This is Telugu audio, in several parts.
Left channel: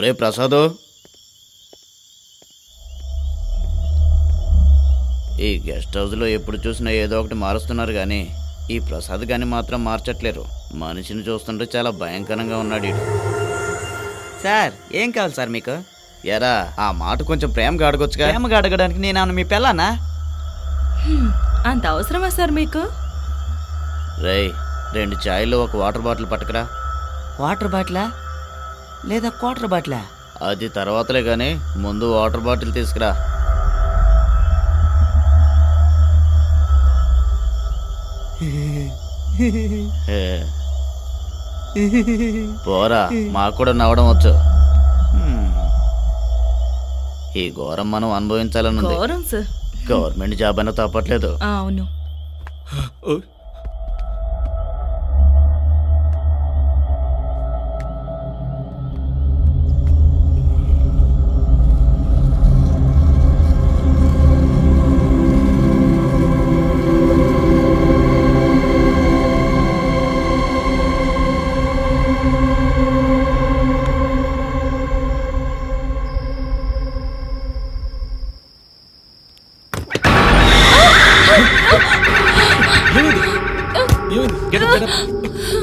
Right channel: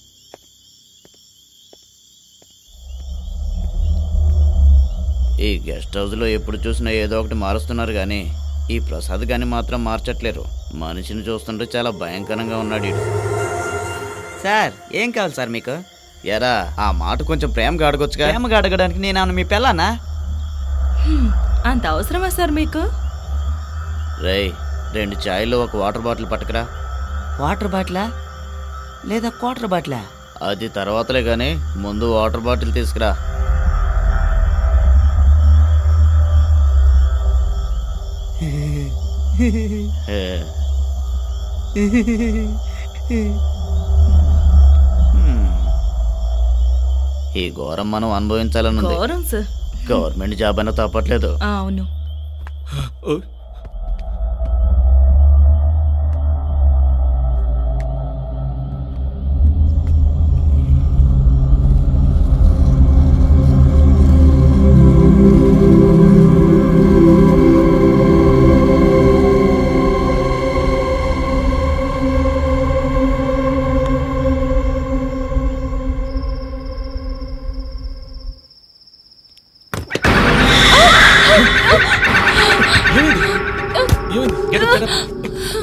ఒరే ప్రసాదు, ఈ గెస్ట్ హౌస్లో ఎప్పుడు చూసినా ఏదో ఒకటి మారుస్తున్నారు కానీ ఈ ప్రసాద్ గాని మాత్రం మార్చట్లేరు. మనిషిని చూస్తుంటే చాలా భయంకరంగా ఉన్నాడు వీడు. సార్ ఏం కావాలి సార్ మీకు? ఎరా ఆ మాట కొంచెం ప్రేమగా అడగొచ్చుగా. ప్రేమగా అడగడానికి నేను మీ పిల్లనా? అంత అవసరమా సార్ మీకు? రేయ్ 2 చాయ్లు 1 వాటర్ బాటిల్ పట్టుకురా. వాటర్ బాటిలా లేదా క్వార్టర్ బాటిలా? అది తర్వాతలే కానీ ముందు వాటర్ బాటిల్ తీసుకురా. పోరా, మాకు కూడా నవ్వడం వచ్చు. ఈ ఘోరం మనం అనుభవించాలని ఉంది. గవర్నమెంట్ జాబ్ అయినా తప్పట్లేదు. అవును.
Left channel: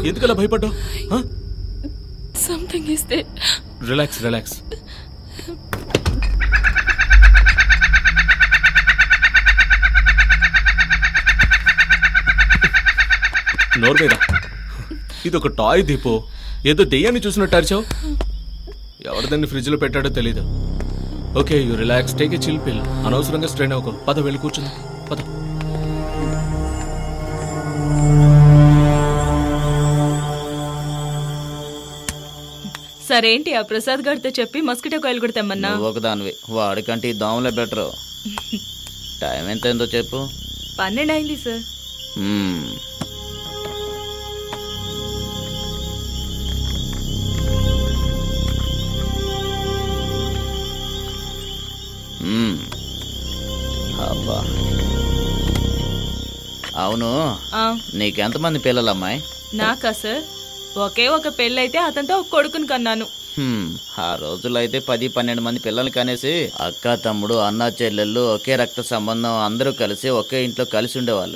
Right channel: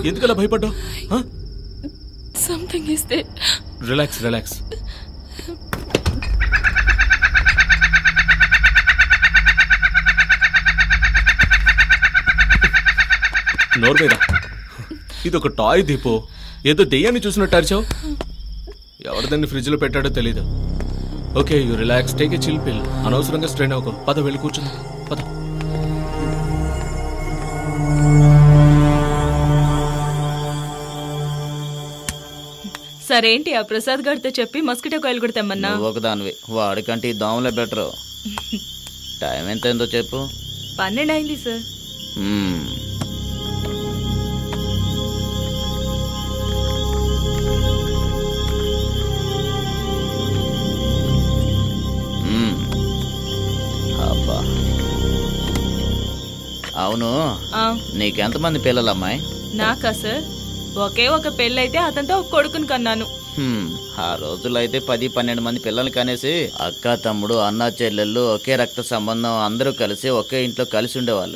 ఎందుకలా భయపడ్డావు? Something is there. Relax relax. నోరు మీద. ఇది ఒక టాయ్ దీపో, ఏదో దెయ్యాన్ని చూసినట్టు అరిచావు. ఎవరిదాన్ని ఫ్రిడ్జ్ లో పెట్టాడో తెలీదు. Okay you relax, take a chill పిల్. అనవసరంగా స్ట్రెయిన్ అవ్వకు. పద వెళ్ళి కూర్చుంది. పద. సరేంటి ఆ ప్రసాద్ గారితో చెప్పి మస్కిటో కాయలు కూడా తెమ్మన్నా? ఒకదానివి, వాడికంటే ఈ దోమలే బెటరు. టైం ఎంత అయిందో చెప్పు. 12 అయింది సార్. అబ్బా, అవును నీకెంతమంది పిల్లలు అమ్మాయి? నాకా సార్ ఒకే ఒక పెళ్ళైతే అతనితో ఒక కొడుకుని కన్నాను. ఆ రోజుల్లో అయితే 10-12 మంది పిల్లలు కనేసి అక్క తమ్ముడు అన్న చెల్లెళ్ళు ఒకే రక్త సంబంధం అందరూ కలిసి ఒకే ఇంట్లో కలిసి ఉండేవాళ్ళు.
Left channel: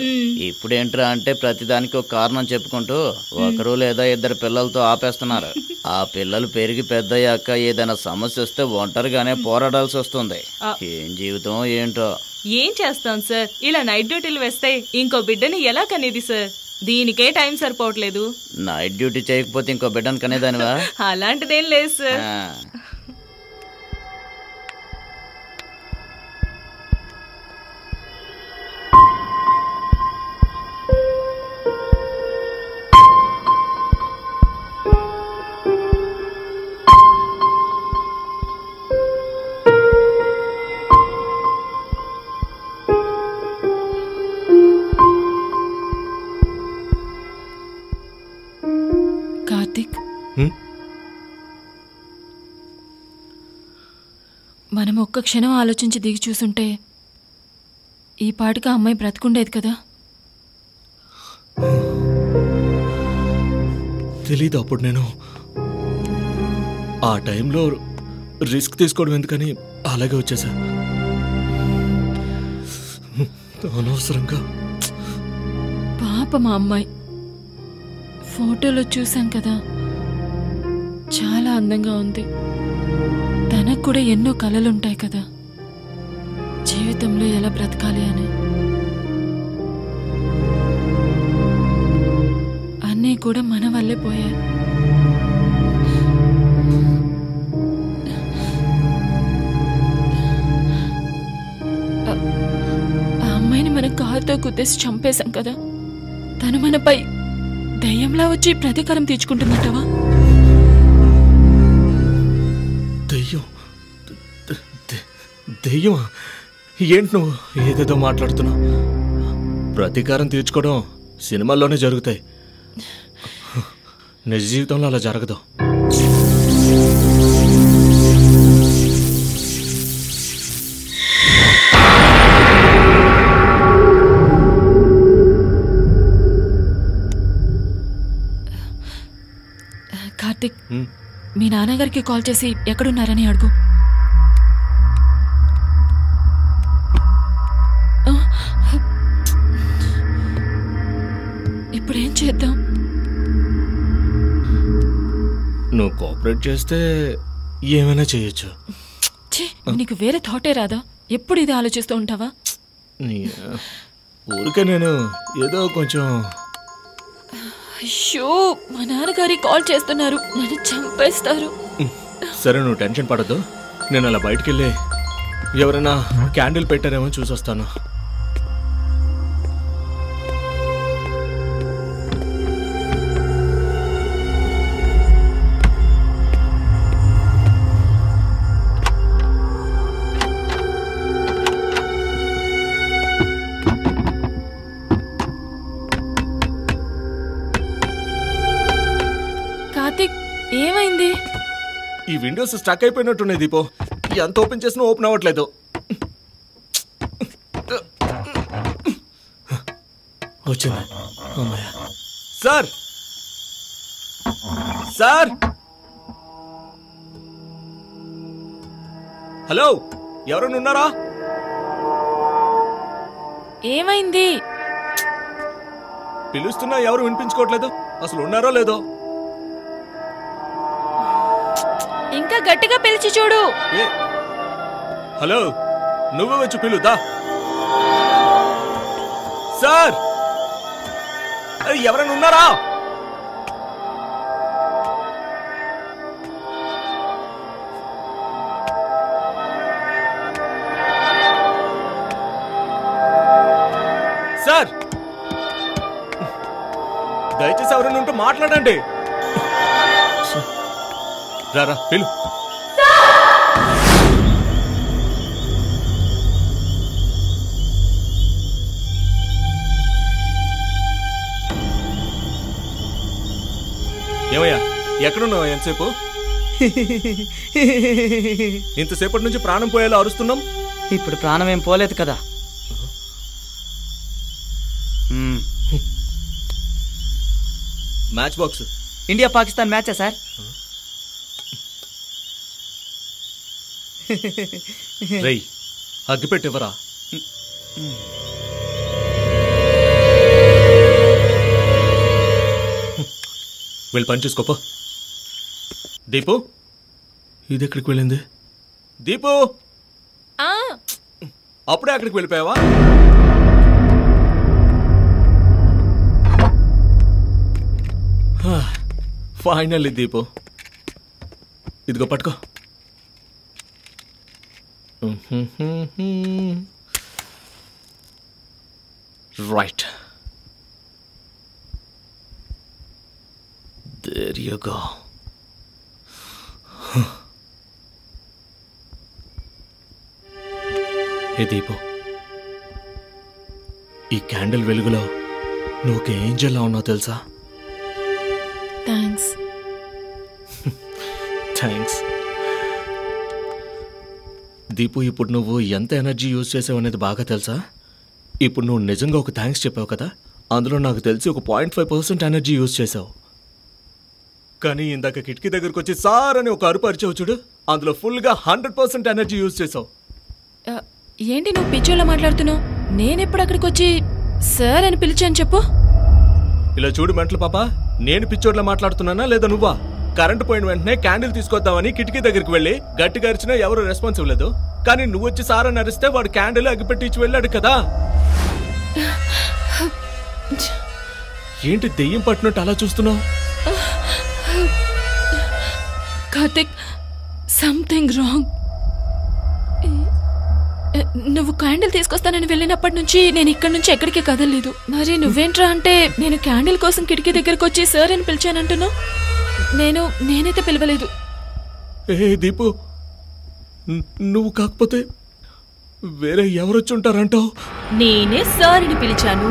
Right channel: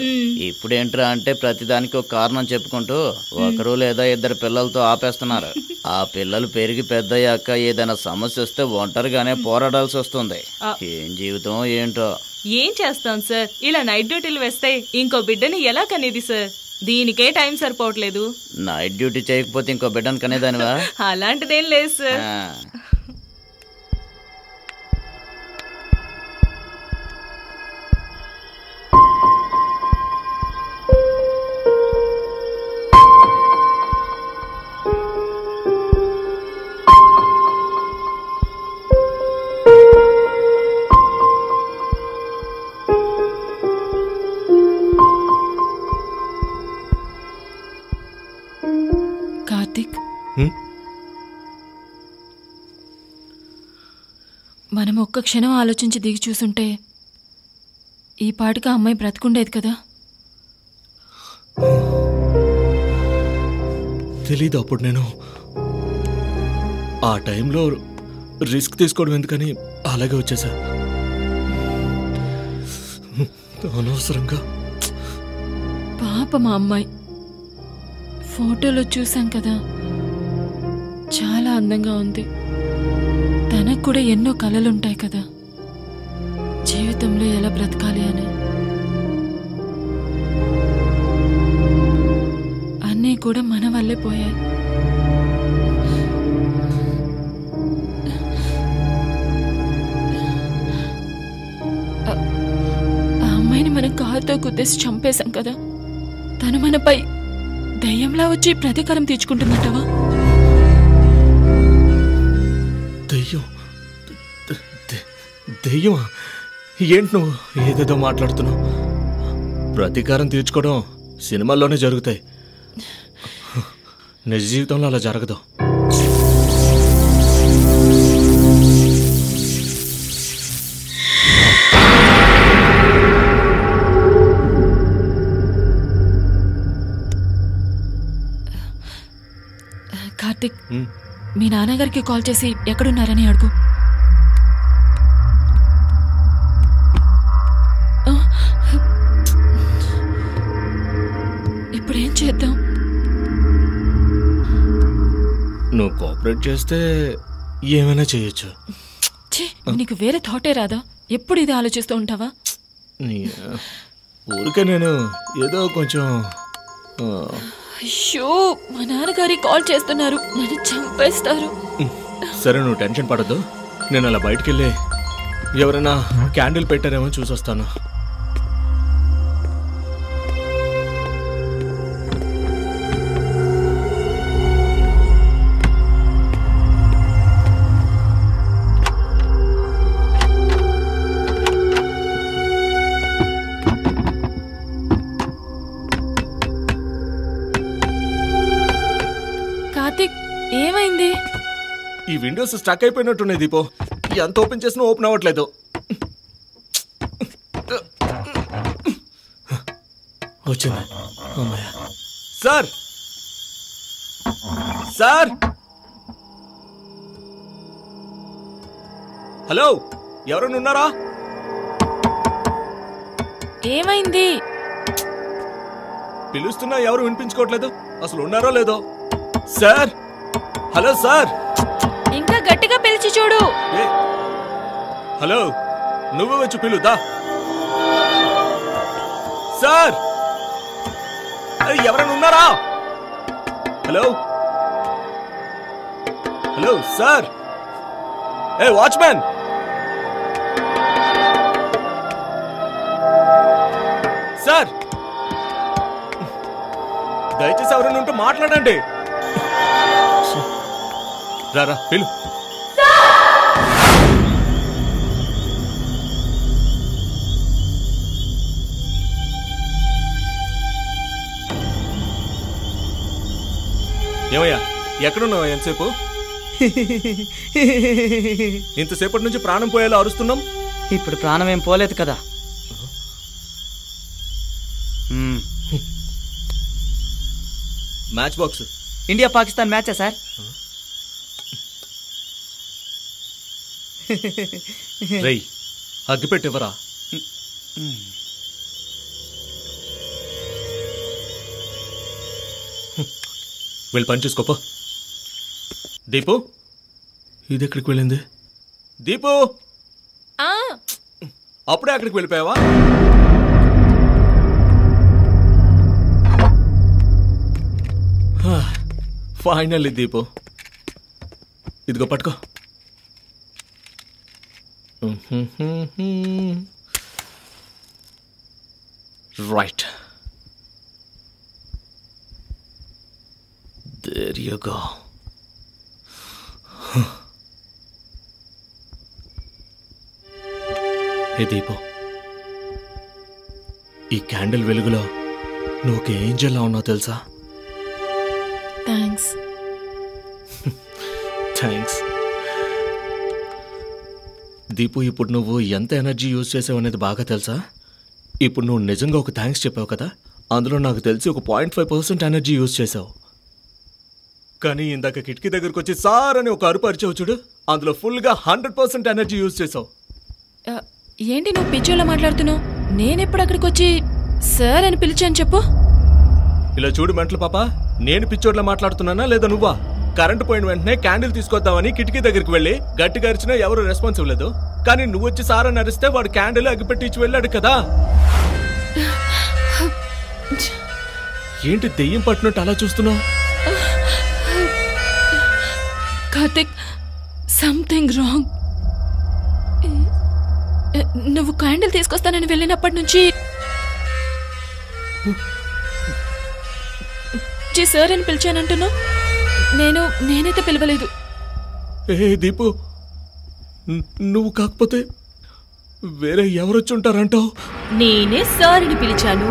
ఇప్పుడేంట్రా అంటే ప్రతిదానికి ఒక కారణం చెప్పుకుంటూ ఒకరు లేదా 2 పిల్లలతో ఆపేస్తున్నారు. ఆ పిల్లలు పెరిగి పెద్దయ్యాక ఏదైనా సమస్య వస్తే ఒంటరిగానే పోరాడాల్సి వస్తుంది. ఏం జీవితం ఏంటో. ఏం చేస్తాం సార్, ఇలా నైట్ డ్యూటీలు వేస్తే ఇంకో బిడ్డని ఎలా కనేది సార్? దీనికే టైం సరిపోవట్లేదు. నైట్ డ్యూటీ చేయకపోతే ఇంకో బిడ్డను కనేదానివా? అలాంటిదేం లేదు సార్. కార్తిక్, మనం ఒక్క క్షణం ఆలోచించి దిగి చూసుంటే ఈ పాటికి ఆ అమ్మాయి బ్రతుకుండేది కదా. తెలీదు అప్పుడు నేను ఆ టైంలో రిస్క్ తీసుకోవడం ఎందుకని అలాగే వచ్చేసా. అనవసరంగా. పాప మా అమ్మాయి ఫోటోలో చూసాం కదా, చాలా అందంగా ఉంది. తనకు కూడా ఎన్నో కలలుంటాయి కదా, జీవితంలో ఎలా బ్రతకాలి అని. అన్నీ కూడా మన వల్లే పోయాయి. ఆ అమ్మాయిని మనం కారుతో గుద్దేసి చంపేశాం కదా, తను మనపై దయ్యంలా వచ్చి ప్రతీకారం తీర్చుకుంటుందటవా? దయ్యం? దయ్యమా? ఏంటి నువ్వు ఏదేదో మాట్లాడుతున్నావు? ప్రతీకారం తీర్చుకోవడం సినిమాల్లోనే జరుగుతాయి, నిజ జీవితంలో అలా జరగదు. కార్తిక్, మీ నాన్నగారికి కాల్ చేసి ఎక్కడున్నారని అడుగు. ఇప్పుడేం చేద్దాం? నువ్వు కోఆపరేట్ చేస్తే ఏమైనా చేయొచ్చు. నీకు వేరే థాటే రాదా? ఎప్పుడు ఇది ఆలోచిస్తూ ఉంటావా? ఊరికే నేను ఏదో కొంచెం. అయ్యో, మా నాన్నగారి కాల్ చేస్తున్నారు, నన్ను చంపేస్తారు. సరే, నువ్వు టెన్షన్ పడద్దు. నేను అలా బయటికి వెళ్ళి ఎవరైనా క్యాండిల్ పెట్టారేమో చూసొస్తాను. కార్తిక్, ఏమైంది? ఈ విండోస్ స్టక్ అయిపోయినట్టున్నాయి దీపో. ఎంత ఓపెన్ చేసినా ఓపెన్ అవ్వట్లేదు. వచ్చింది. సార్, సార్, హలో, ఎవరైనా ఉన్నారా? ఏమైంది? పిలుస్తున్నా ఎవరు వినిపించుకోవట్లేదు. అసలు ఉన్నారో లేదో? Sir, hello sir. ఇంకా గట్టిగా పిలిచి చూడు. హలో, నువ్వు వచ్చి పిలుదా? సార్, ఎవరైనా ఉన్నారా? Hello, hello sir. ఏ వాచ్మ్యాన్, సార్, దయచేసి ఎవరైనా ఉంటూ మాట్లాడండి. రారా, పిలు. ఏమయ్యా, ఎక్కడున్నావు? ఎంతసేపు? ఇంతసేపటి నుంచి ప్రాణం పోయేలా అరుస్తున్నాం. ఇప్పుడు ప్రాణం ఏం పోలేదు కదా. Match box. ఇండియా పాకిస్తాన్ మ్యాచా సార్? రేయ్, అగ్గిపెట్టివరా? వెళ్ళి పని చూసుకోపో. దీపు, ఇది ఎక్కడికి వెళ్ళింది? దీపు, అప్పుడే అక్కడికి వెళ్ళిపోయావా? ఫైనల్లీ దీపు, ఇదిగో పట్టుకో. Right, there you go. హే దీపు, ఈ క్యాండిల్ వెలుగులో నువ్వు ఒక ఏంజెల్లా ఉన్నావు తెలుసా? థ్యాంక్స్. థ్యాంక్స్. దీపు, ఇప్పుడు నువ్వు ఎంత ఎనర్జీ యూజ్ చేసావు అనేది బాగా తెలుసా? ఇప్పుడు నువ్వు నిజంగా ఒక థ్యాంక్స్ చెప్పావు కదా, అందులో నాకు తెలిసి ఒక 0.5% ఎనర్జీ యూజ్ చేసావు. కానీ ఇందాక కిటికీ దగ్గరకు వచ్చి సార్ అని ఒక అరుపు అరిచావు చూడు, అందులో ఫుల్గా 100% ఎనర్జీ యూజ్ చేసావు. ఏంటి నువ్వు పిచ్చోళ్ళ మాట్లాడుతున్నావు? నేనెప్పుడు అక్కడికి వచ్చి సార్ అని పిలిచాను చెప్పు. ఇలా చూడు మెంటల్ పాప, నేను పిచ్చోడ్లా మాట్లాడుతున్నానా లేదా నువ్వా? కరెంటు పోయిన వెంటనే క్యాండిల్ తీసుకొద్దామని కిటికీ దగ్గరికి వెళ్ళి గట్టిగా అరిచినా ఎవరు రెస్పాన్స్ ఇవ్వలేదు. కానీ నువ్వు వచ్చి సార్ అని అరిస్తే వాడు క్యాండిల్ అగ్గిపెట్టి ఇచ్చి వెళ్ళాడు కదా. ఏంటి దెయ్యం పట్టినట్టు అలా చూస్తున్నావు? Karthik, something wrong. నువ్వు క్యాండిల్ తీసుకొస్తానని వెళ్ళినప్పటి నుంచి నేను ఇక్కడి నుంచి ఎక్కడికి కదలలేదు. మరి నువ్వేంట్రా అంటే నేను క్యాండిల్ కోసం కిటికీ దగ్గరకు వచ్చి సార్ అని పిలిచానంటున్నావు. నేనైతే పిలవలేదు. ఏ దీపు, నువ్వు కాకపోతే వేరే ఎవరొచ్చి ఉంటారంటావు? నేనే సార్ అని పిలిచాను.